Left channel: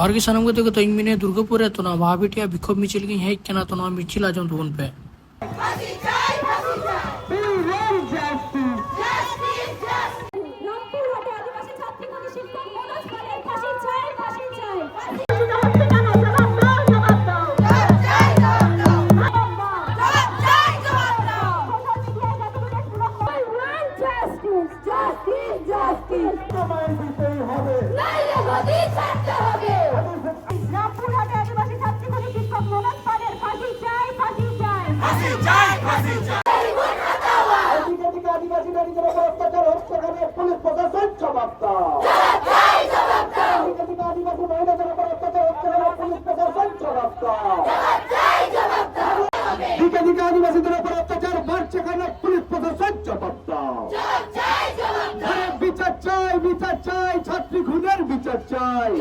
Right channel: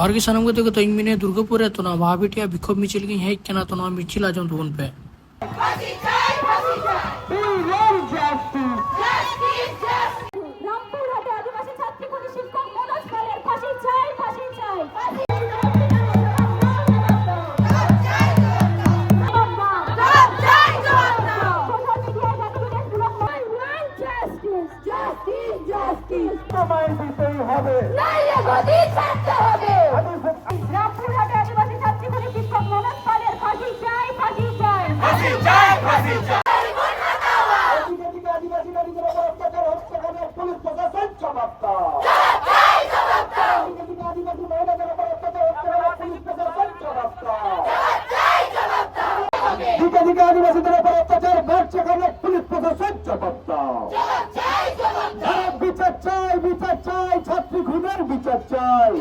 जोहर की सनम को तो इंग दुर्गापुर है तो ना वहाँ बेटिया विक्षोभ मिचिल की है क्या ना तो ना मिचिल आ जाऊँ तो उन पे আদিবাসীদের উপর অত্যাচার বাড়ছে কেন? পুলিশ প্রশাসন জবাব দাও। বিচার চাই, বিচার চাই, ছাত্রী খুনের বিচার চাই।